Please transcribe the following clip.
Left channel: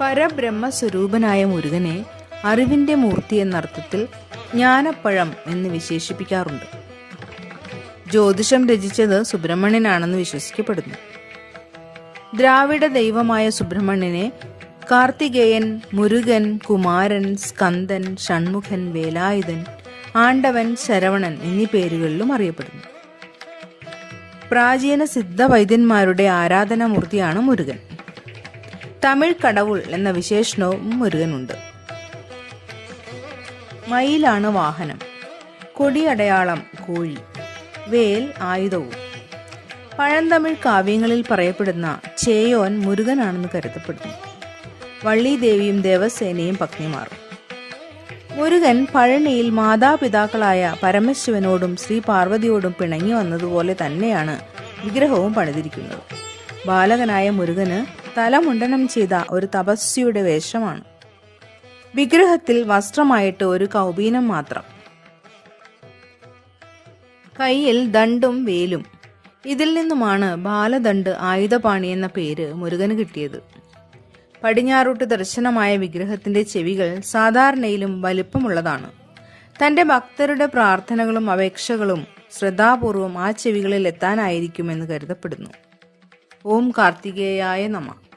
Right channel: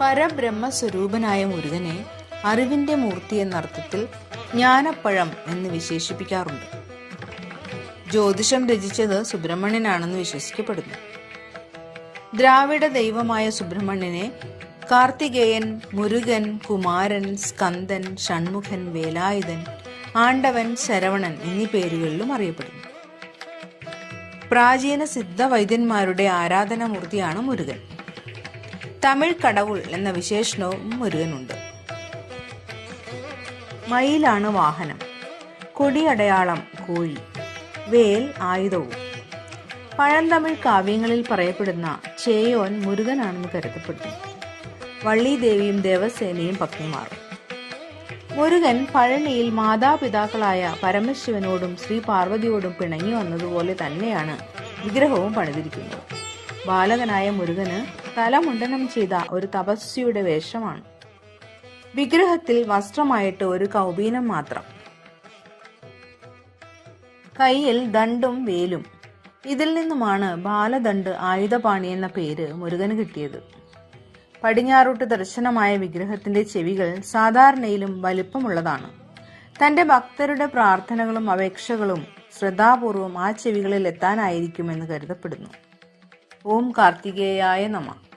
പരബ്രഹ്മസ്വരൂപനായ മുരുകനെ അറിവിന്റെ മൂർത്തി എന്നർത്ഥത്തിൽ ജ്ഞാനപ്പഴം എന്ന് വിശേഷിപ്പിക്കാറുണ്ട്. ജ്യോതിഷം രചിച്ചത് സുബ്രഹ്മണ്യനാണെന്ന് വിശ്വസിക്കപ്പെടുന്നു. ദ്രാവിഡ ദൈവമായ സുബ്രഹ്മണ്യനെ കാർത്തികേയൻ, മുരുകൻ, കുമാരൻ, സ്കന്ദൻ, ഷൺമുഖൻ, വേലായുധൻ, ആണ്ടവൻ, ശരവണൻ എന്നീ പേരുകളിലും അറിയപ്പെടുന്നു. പ്രാചീന സിദ്ധവൈദ്യന്മാരുടെ ആരാധനാമൂർത്തിയാണ് മുരുകൻ. തമിഴ് കടവുൾ എന്ന വിശേഷണവും മുരുകനുണ്ട്. മയിലാണ് വാഹനം, കൊടിയടയാളം കോഴി, വേൽ ആയുധവും. പഴന്തമിഴ് കാവ്യങ്ങളിൽ പറയപ്പെടുന്ന ചേയോൻ മുരുകനാണെന്ന് കരുതപ്പെടുന്നു. വള്ളീദേവിയും ദേവസേനയും പത്നിമാർ. മുരുകൻ പഴനിയിൽ മാതാപിതാക്കളായ പരമശിവനോടും ശ്രീ പാർവതിയോടും പിണങ്ങി വന്നതുപോലെ തന്നെയാണ് വിഗ്രഹവും പണിതിരിക്കുന്നത്. ബാലകനായ മുരുകന് തലമുണ്ടനം ചെയ്ത ഒരു തപസ്വിയുടെ വേഷമാണ്. വിഗ്രഹത്തിൽ വസ്ത്രമായിട്ട് ഒരു കൗപീനം മാത്രം. കയ്യിൽ ദണ്ഡും വേലും. ഇതിൽ നിന്നുമാണ് ബാലദണ്ഡ് ആയുധപാണി എന്ന പേര് മുരുകന് കിട്ടിയത്. പടിഞ്ഞാറോട്ട് ദർശനമായ വിഗ്രഹത്തിന്റെ ചെവികൾ സാധാരണയിലും വലിപ്പമുള്ളതാണ്. തന്റെ ഭക്തരുടെ പ്രാർത്ഥനകളും അപേക്ഷകളും ശ്രദ്ധാപൂർവം ആ ചെവികളിൽ എത്താനായിരിക്കുമെന്ന് കരുതപ്പെടുന്നു. ഓം കാർത്തികേയായ നമഃ.